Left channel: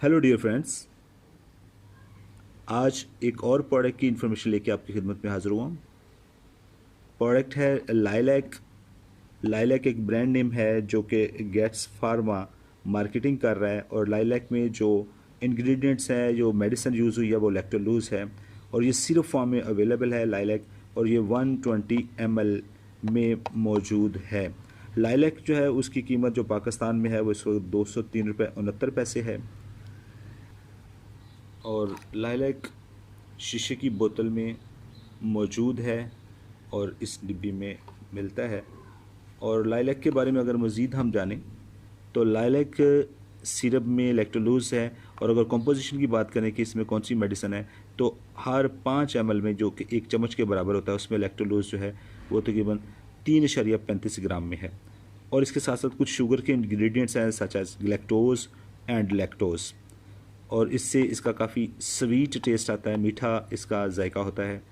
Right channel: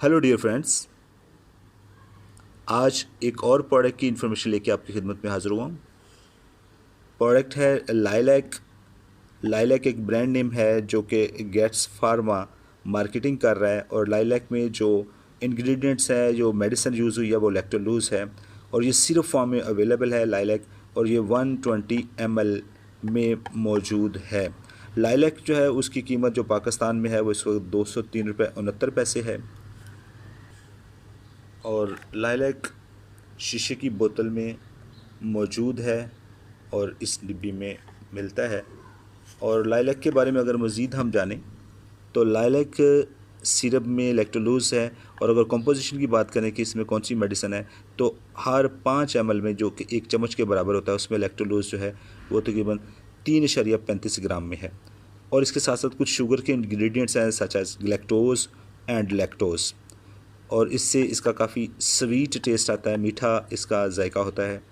Hello dear friends, आज एक और प्रोडक्ट की इन्फॉर्मेशन लेके आपकी खिदमत में हाज़िर हुआ हूँ। प्रोडक्ट है लाइलैक। लाइलैक एक ब्रांड नेम है जो कि गेट्स फार्मा मार्केटिंग कर रहा है और लाइलैक में जो इंग्रेडिएंट्स हैं, जो मेडिसिन यूज़ हुई है वो लैक्टोलूज़ है और ये सिरप फॉर्म में अवेलेबल है लाइलैक और ये 120 ml में मौजूद है। लाइलैक जो है उसकी कीमत जो पाकिस्तान में है वो इस वक्त 203.69 रुपये है और लाइलैक शीशे की बोतल में मौजूद है और इस डिब्बी में मिलता है। और लाइलैक के बारे में अगर मज़ीद हम जानें तो लाइलैक सिरप में लैक्टोलूज़ है और अगर कंपोजिशन की बात करें कि इसमें कौन सी मेडिसिन है तो हर 5 ml में जो कि 1 चम्मच के बराबर होता है उसमें लैक्टोलूज़ जो है वो तकरीबन 3.35 ग्राम में है। और इसके साथ साथ कुछ शुगर के इंग्रेडिएंट्स हैं such as lactose and lactose और इससे इसका काफ़ी स्वीट टेस्ट आता है, मीठा इसका जायका होता है।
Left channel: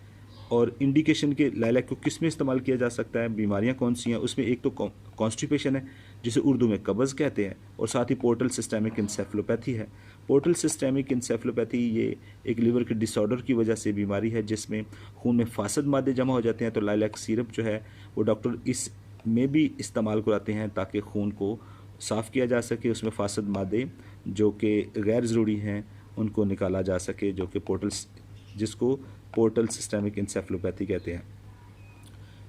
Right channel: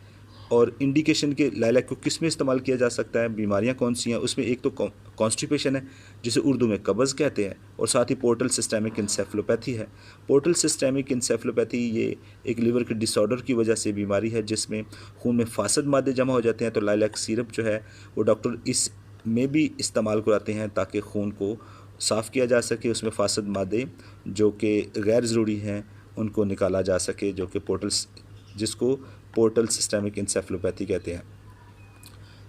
और इंडिकेशन के लाइलैक को किस में इस्तेमाल किया जा सकता है, बीमारियां कौन सी हैं, उसमें एक तो कॉन्स्टिपेशन है जिसे उर्दू में कब्ज़ कहते हैं और साथ ही पोर्टल सिस्टेमिक इंसेफलोपैथी है। पोर्टल सिस्टेमिक इंसेफलोपैथी ये एक लीवर के डिसऑर्डर की वजह से बीमारी है जिसमें खून में फासद मादे जमा हो जाते हैं। तो लाइलैक सिरप जो है वो डॉक्टर इस में भी इस्तेमाल कराते हैं ताकि खून को साफ़ किया जा सके, उसमें फासद मादे जो कि गैर ज़रूरी हैं उनको निकाला जा सके, जो कि जिसको पोर्टल सिस्टेमिक इंसेफलोपैथी कहते हैं।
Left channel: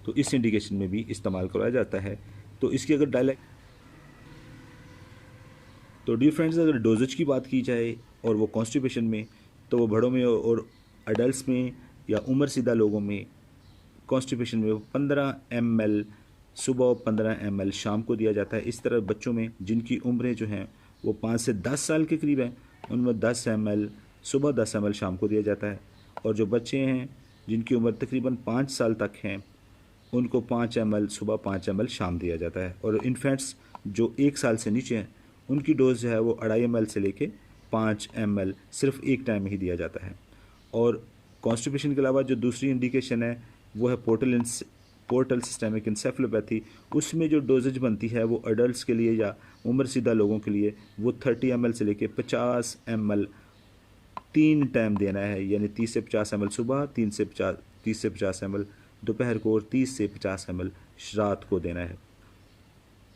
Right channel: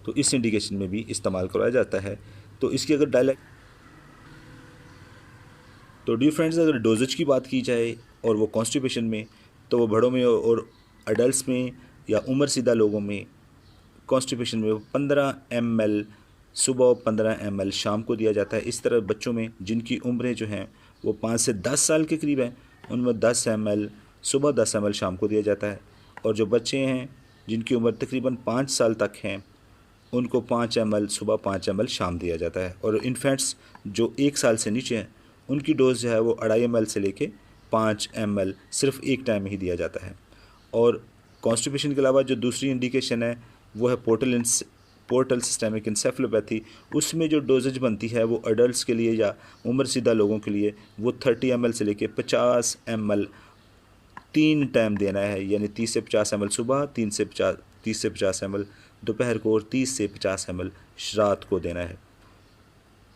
तो इस इंडिकेशन में भी इस्तेमाल कराया जाता है। तो इसकी अगर डियर फ्रेंड्स, अगर डोजेज की बात की जाए और वो कॉन्स्टिपेशन में तो वो बड़ों में और अडल्ट में या उम्र सीधा लोगों में कॉन्स्टिपेशन में 15 ml सुबह और 15 ml शाम को दिया जाता है। इस तरह बच्चों में जिनकी उम्रें जो हैं वो 5 से 10 साल के करीब हैं उनमें 10 ml सुबह 10 ml शाम को दिया जाता है। और जो बच्चे हैं जिनकी उम्र तकरीबन 5 साल तक हैं उनको 5 ml सुबह 5 ml शाम दिया जाता है। और इन्फेंट्स जो 1 साल से नीचे हैं उनकी डोज जो है वो 2.5 ml से लेके 5 ml सिर्फ एक टाइम में ही दिया जाता है। और कॉन्स्टिपेशन के अलावा जो दूसरी इंडिकेशन है वो है पोर्टल सिस्टेमिक इंसेफलोपैथी। उसमें जो डोजेज बनती है वो अडल्ट्स के लिए या उम्र सीधा लोगों के लिए वो 30 ml से लेके 50 ml 3 टाइम देना है, यानी 30 से 50 ml सुबह, 30 से 50 ml दोपहर को और 30 से 50 ml रात को देना है।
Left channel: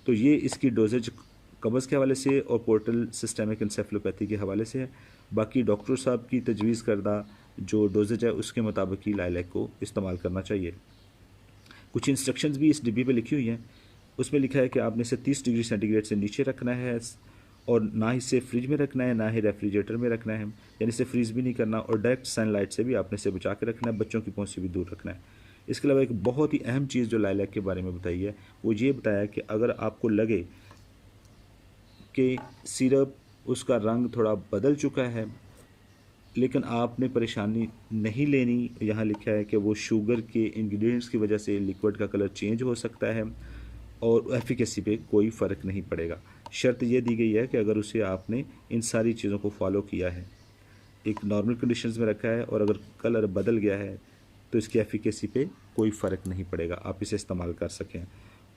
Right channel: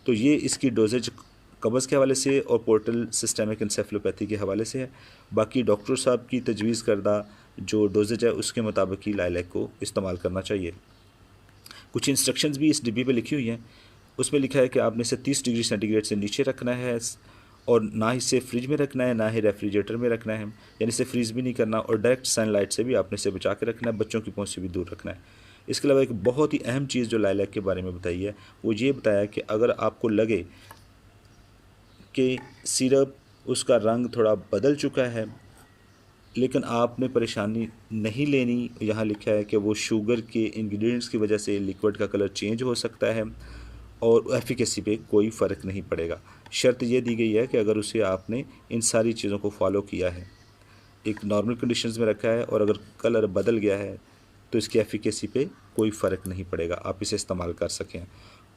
तो ये इसकी डोजेज कब्ज़ के हवाले से और पोर्टल सिस्टेमिक इंसेफलोपैथी के हवाले से है। बाकी डॉक्टर साहब की तजवीज़ करदा जो डोजेज है उसके मुताबिक ही लाइलैक को इस्तेमाल करना चाहिए। कुछ इंस्ट्रक्शंस भी इस डिब्बी पे लिखी हुई हैं। उसमें लिखा है कि आपने इसे 30 डिग्री सेंटीग्रेड से नीचे रखना है और ना ही इसे फ्रिज में रखना है ना ही रेफ्रिजरेटर में रखना है, यानी इसे फ्रीज़ भी नहीं करना और डायरेक्ट सनलाइट से भी आपने इसे बचा के रखना है, बच्चों की पहुंच से भी दूर रखना है। इसके अलावा एक बहुत ही अहम चीज़ जो लाइलैक के बारे में बताई है वो ये बताया कि अगर आपको लगे कि सिरप उसका रंग थोड़ा बदल चुका है लेकिन आपने परेशानी नहीं लेनी, यहाँ लिखा है कि वो शुगर के इंग्रेडिएंट्स की वजह से लिक्विड का कलर चेंज हो सकता है और एफिकेसी पे कोई फ़र्क नहीं पड़ेगा। शर्त ये दी गई है कि अगर उसे आपने इन सारी चीज़ों को फॉलो किया है, एक नॉर्मल कंडीशंस में रखा है और अगर कलर बदल गया है तो इसकी एफिकेसी पे कोई फ़र्क नहीं पड़ेगा, आप इसे इस्तेमाल कर सकें।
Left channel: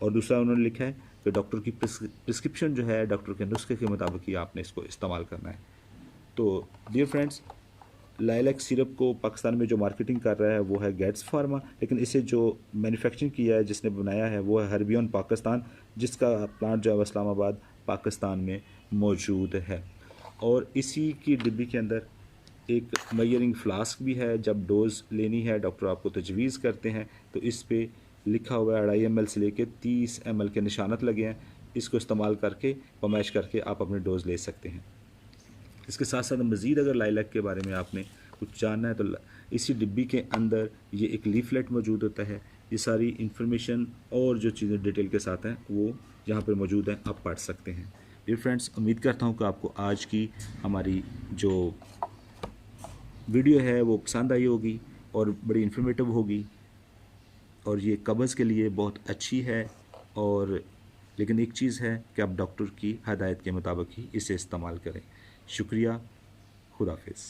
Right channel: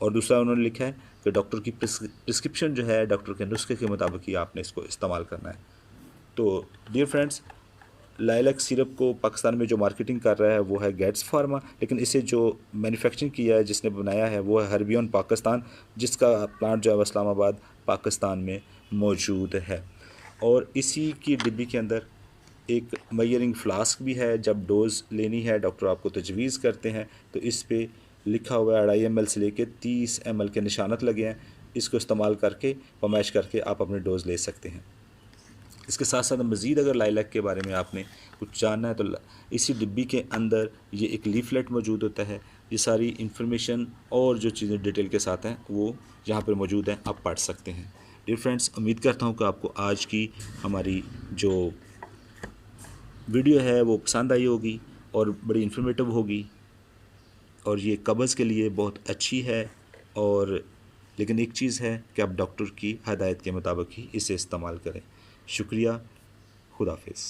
और दूसरा उन्होंने लिखा है कि डॉक्टर की प्रिस्क्रिप्शन जो है, डॉक्टर के नुस्खे के मुताबिक ही आपने इसको इस्तेमाल करना है। तो डियर फ्रेंड्स, लाइलैक सिरप को पाकिस्तान में जो मार्केटिंग कर रहा है वो है गेट्स फार्मा, लेकिन इसे जो मैन्युफैक्चरिंग किया है, जिसने बनाया है वो है हर्बियन पाकिस्तान, जिसका प्लांट जो है इस्लामाबाद पाकिस्तान में मौजूद है। और इसी की डिब्बी के अंदर एक मेजरिंग फ्लास्क भी है। जब डोज़ लेनी है डॉक्टर आपको तजवीज़ करते हैं तो इस पे लिखा हुआ है 2.5 ml से लेके 30 ml के निशानत लगे हैं। इसको इस्तेमाल करके फरमाइश करके आप अपने डोज़ ले सकते हैं। इसके साथ साथ मज़ीद अगर लाइलैक के बारे में आपने कुछ जानना है तो इसी डिब्बी के अंदर ये एक लीफलेट मौजूद होता है। ये सारी इन्फॉर्मेशन और जो चीज़ें डिटेल के साथ हैं वो यहाँ पर मौजूद हैं, आप पढ़ सकते हैं। डियर फ्रेंड्स, उम्मीद करता हूँ कि आपको आज की हमारी जो वीडियो है वो पसंद आई होगी और बड़ी इन्फॉर्मेटिव होगी और ये कब्ज़ के लिए बहुत अच्छी है। और लेकिन एक चीज़ है कि आप डॉक्टर की हदायत के मुताबिक ही इसे इस्तेमाल करें। शुक्रिया, खुदा हाफिज़।